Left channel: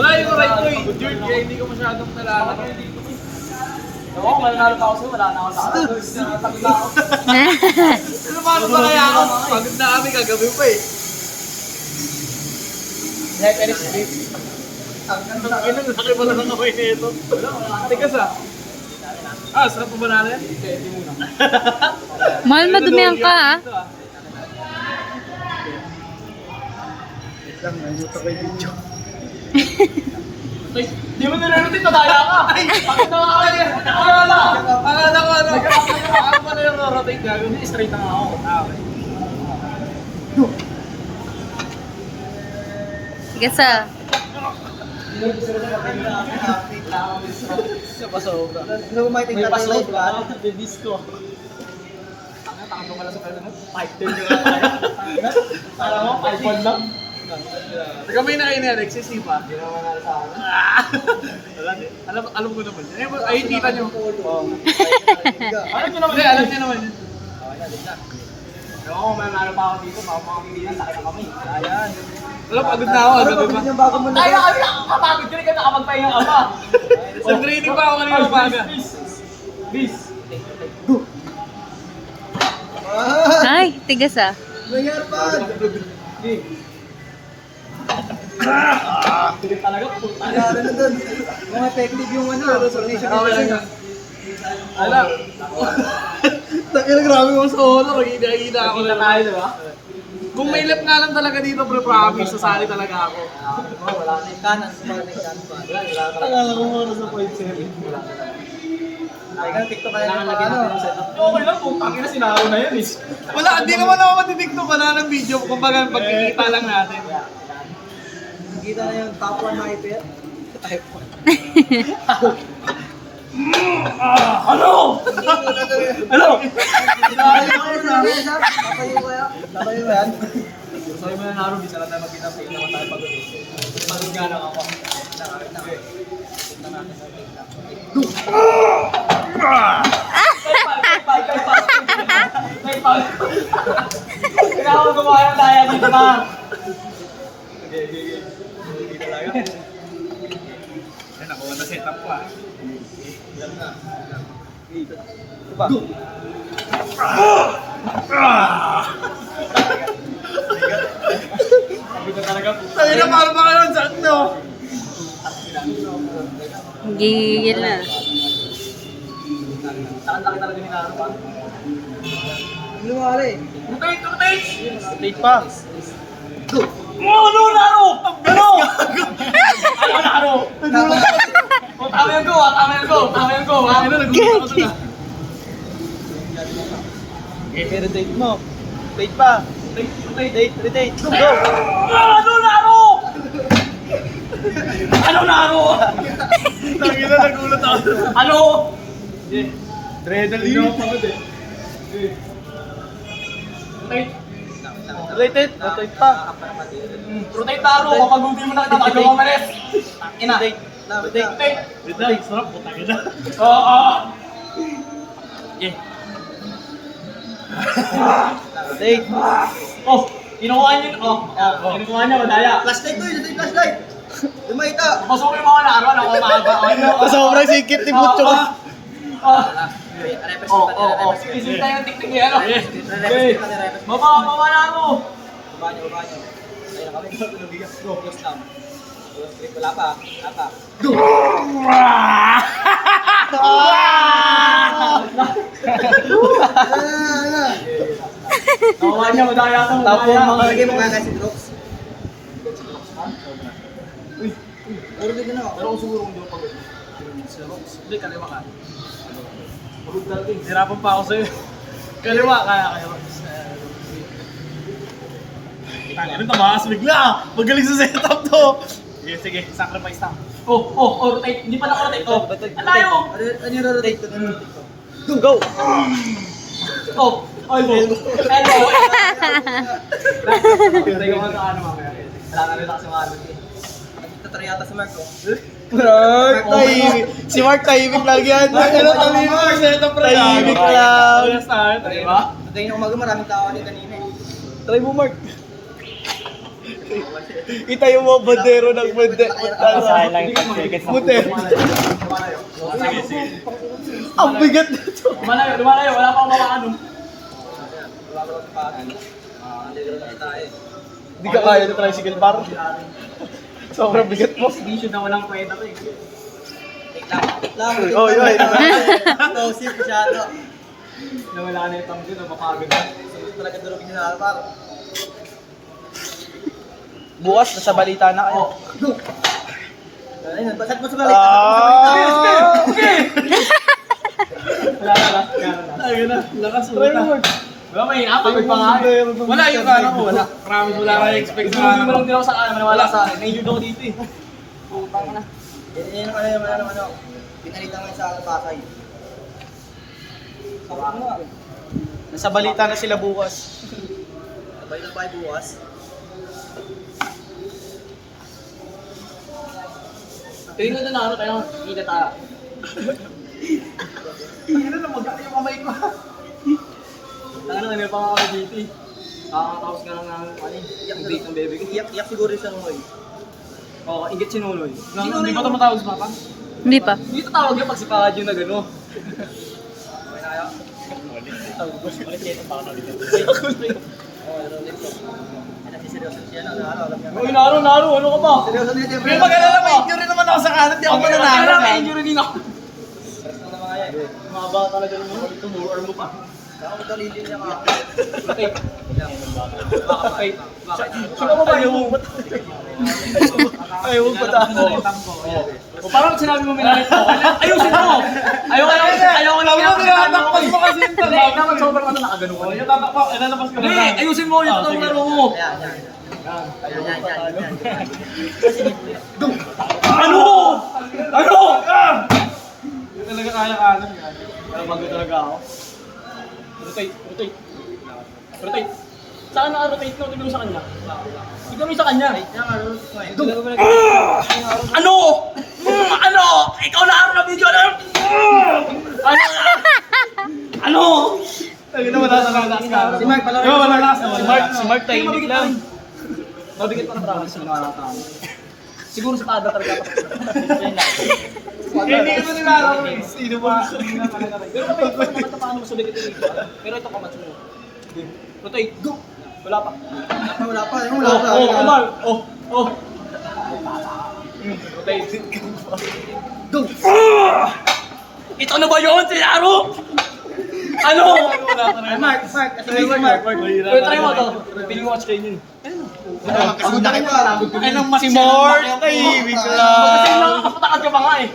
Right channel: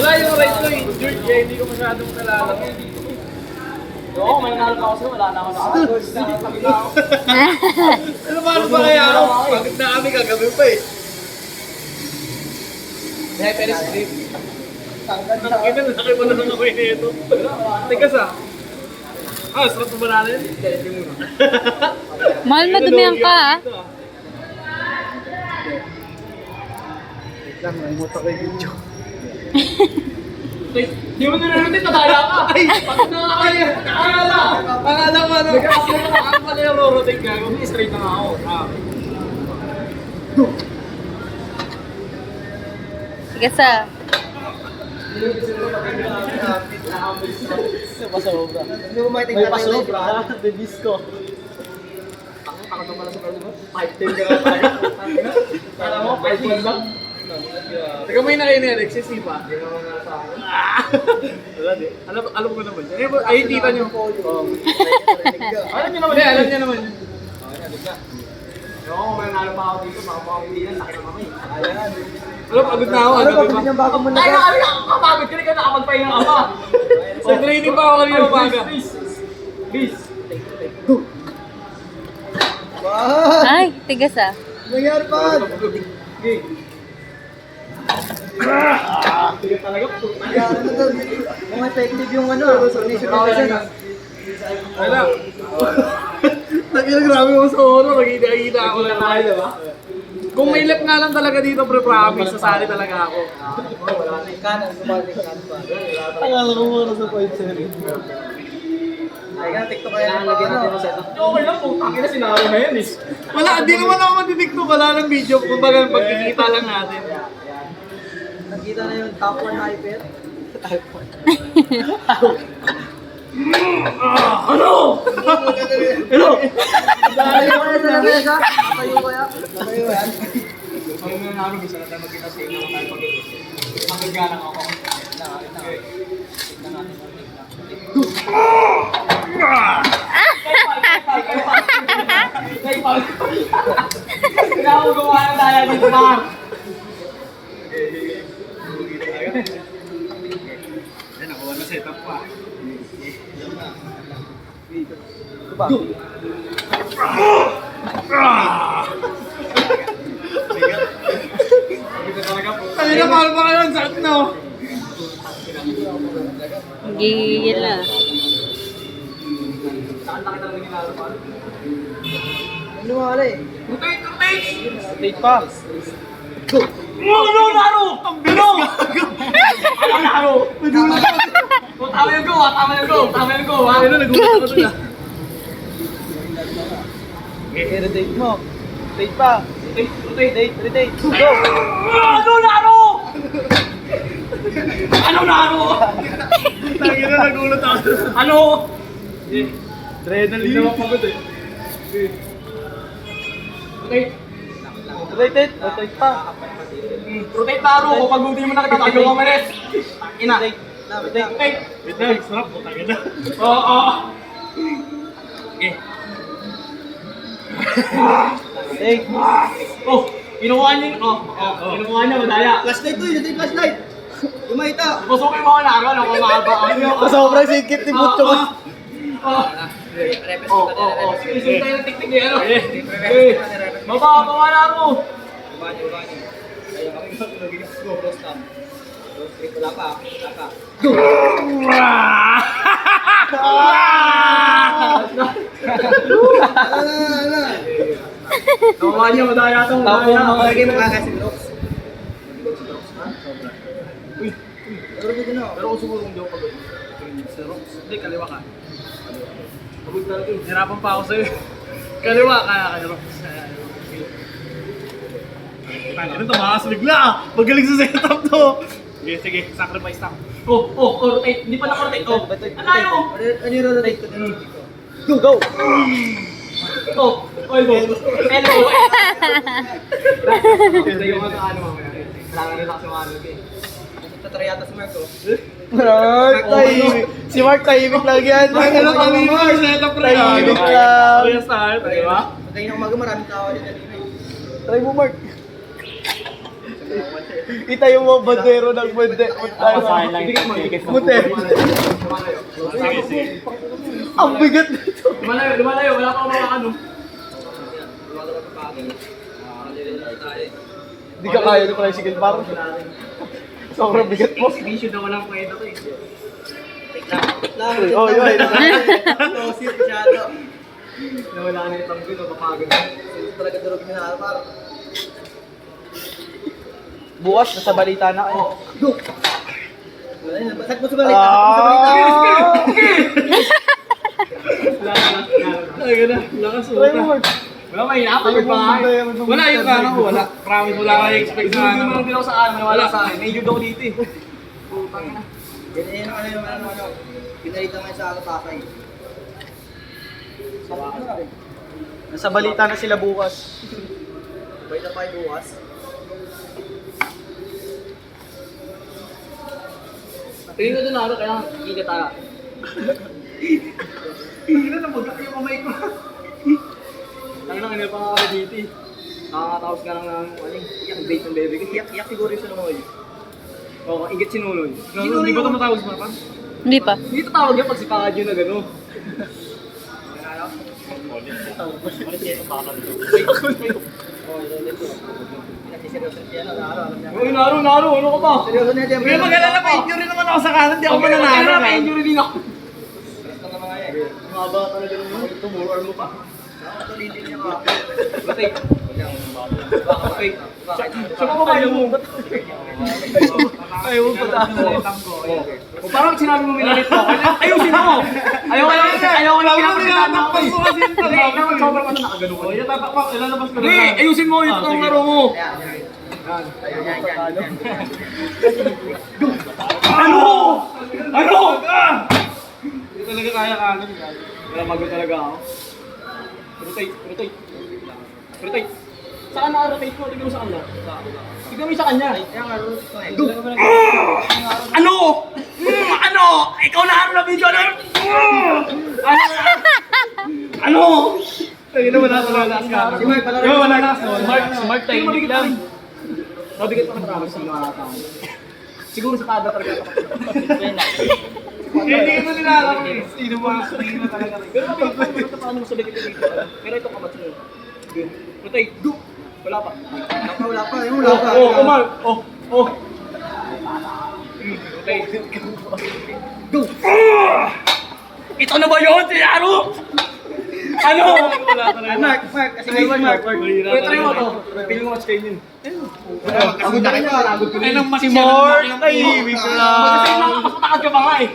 Wala yung right ko eh. George, kaya hindi ko masyadong talala. Oo, kung mananalo pa ako sa'yo, wala na ako sa akin. Ano paano ba kaya ako? Pagod na kami kagabi pa eh. Hey, pero script. Ang laki pala ng kamay na ito. Teka sa. Sarap pa banana yan? Hindi muna. Mahal madumihan ka ah. Wait lang, naimuta ko yung video. Hindi mo nanalutin, nadaya ka! Ay! Bakit nakakaya? Nakakala! Akala ko ano? Nakakala pala yung rotate ka. Kung straight na nga ako. Sige sa. Pasobra. May pasobra. Bibis ko. Takot mo pala sa pwede mo. 5'10 ka na tayo. Tanga mo, 5'1 lang. Teka may na kayo ni Alexis, di ba? Hindi naman nga sa akin. Wala di. Alam ko naman. Ay, tita niyo. Alam niyo naman. Alam niyo naman. Oo, may nalo pa ako dito. Makapakilingan, laki ng kamay. Ayan. Alam, pagod na ako. Ano, pagod yung bago mo na. Ay, nakakapagod ka rin ka nakapagpahinga ka pa. Sa training pa ako kanina umaga. Bis. Ay, tigas ah. Nangyari pa! Okay. Tigas talaga po. Nangyari na doon. Kung effective yung ano, coordination na. Alam. Grabe mo sa horror. Magkita-kita ako na tayo, diba? Kung may lap nga lang talaga dito, pre-promise, sasali talaga ako. Wala na yung kanan. Akala ko muna sa point 7. Ay, TikTok kaya ng mga ano. Okay lang, putang ina, sinaro na yan eh. Wala, hindi naman ako mag-TikTok, wala ng video. Kumbaga, pagkikita lang natin. Nakita na yung top 1 hyper. Type 1. Ano? Ano? Tayo kaya sa lamesa? Tayo kaya? Tayo yan? Sabi mo na narong, isa lang tayo magkita sa inyo naman tayo pag-ulit. Magigga lang ako. Wait lang. Tignan natin. Kailangan mo gumawa ng daya dito, Mar. Ay, nakuha na setup pa. Ito ba? Tayo na mahal pa kayo, saan no? Gigil na. Saan laki talaga ni Naro pa? Luwala eh. Rotate! Rotate! Rotate pa. Ano, Naro? Ano? Ano, Naro? Tama yung go, tama yung go, tama yung go. Ano, nag-ulit ako doon ah. Rotate mo. Rotate pa. Rotate, rotate. Go! Ano, Naro? Ano, Naro? Lagi na nagulat ako. Ano? Adrenaline na pagod eh. Rotate. Rotate. Rotate pa. Rotate Naro. Kapag hindi mo nakita, tayo mamalis. Ina. Rotate. Wait lang, sarap. Putang ina. Oo. Okay. Rotate. Oh, kinuha niyo. Kinuha niya, madaya. Flashlight to, yung flashlight. Lumayta. Pasok yung mga Naro, ako mahaba. Sobrang sikip ni Butcho. Isip tayo ng tiktik eh, ano? Baba na mo! Baba niyo. Kaya kami mag-igas. Go, cross lang. Wala pa. Go! Nakuha niya, madaya sa madaya. Tapos mga lagay mo kaka si Brooks. Uy! Pero kung siguro kung di ako pagod. Si Brooks. Hindi, kaliwa ka. Pagod talaga eh. Hirapan pa ako sa'yo. Kaliwa ka na kayo. Tangin ito, makas bigla. Magaling sa setup to. Sige, sacrifice lang. Rotate. Hindi pa naka-rotate. Ang layo. Ano yung rotate ko? Go! Elbow. Sige mo sa ano mamaya. Wala na rin kasi mahalog eh. Tatry yata si Mark Si Mark tahimik lang yan. Ano kanina? Tahimik lang. Yes tayo, diba? Pagdating ng umaga maraming tao din kanina. Try mo Mark. Itayo mo bandero ng bunte. Pasahin lang yung pag-ticket sa Bunte. Ang bigat na ito. Lumalayo, wala pa akong mawakan. Hindi ka kaya ng tricycle bar. Sobrang bigat mo. Issue na walang kwenta to eh. Oh, yun. Explosive masyado. Nawala ka na itong gulo, mapagod na. Talaga durugin na par. Bukas, nasa balita na kayo. Ayun, basak mo sa balita. Wala na. Ayun na, lakas mo. Try mo, Mark. Wala, mahina. Pagod pa nga eh. Wala yung kanan ko, wala. Promise, wala ka expect sa Hindi mo kanan. lang din ako sa kanan, maniwala sa akin. Na-injured ako dito eh. Putang na. Yan yung ano. Pinalitan mo yung sa Pasay. Nasa balita na sila bukas. Sabay na tayo bukas. Tingin ko doon na kailangan ikat tayo. Tingnan na, magkakaya yung kamay ko. Tangan na, pa nga ako dito eh. Nakakataos ka lang ng ang date ng bebe ko. Iyak siguro yung sa Noy. Oo, ingat si Nunoy. Hindi ba ito matawag si Papa? Hindi pa. Hindi ito tawag yan pag si Papa Jun na gano'n. Nasiseryoso siya na. Alam niya. Uy, Naro, ano ka ba? Seryoso niya, siyempre. May mag-alala pa, injury naman ako sa kanan, di ako mananalo. May injury din ako. Stress lang naman kaya eh. Maba talaga naman. Ito mo, arm mo pa. Saka ito, lilin niya ka. Rotate. Rotate. Sino ba ba yung ba't? Ayaw mo pataas. O parang sinabi mo minalit mo. Ayusin mo! Ayaw ko lang kinapagkitaan mo. Mo kasi yung Hindi, naman sobrang ano nakagano ka. yung tatakpak, ilalabas ko na Hindi, ayusin mo yung totoong laro mo. Yan. Ano? Ano? Hindi talaga kaya kanan. Walang mago talaga ako. Rotate. Saan naka-rotate mo? Tignan mo sa kanya. Tignan mo sa kanya. Ano? Ano? Ikaw na araw na video na. Ano? Ano? Ay, wala talaga lakas kanan. Si Mark, palaro. Wala lakas. Si Mark tahimik lang. Mabigat pa na promise sa mga tao. Siguro sa tada talaga. Hindi mo nilalaro eh. Sino ba? Pero paano mo sa likit dito? Pero ito kamatch mo. Rotate. Go! Wala pa. Wala pa. Yung wala pa. Omar. Rotate. Go! Ito na ba yun, Tiyaro? Ano? Ay, Mark. Kasi Mark. Wait, try mo to. Piling mo match kayo yun. Pagod na kayo. Ay, nang si Mark. Ay, ibig Kasi lang. nakapatakad ka pa nga eh.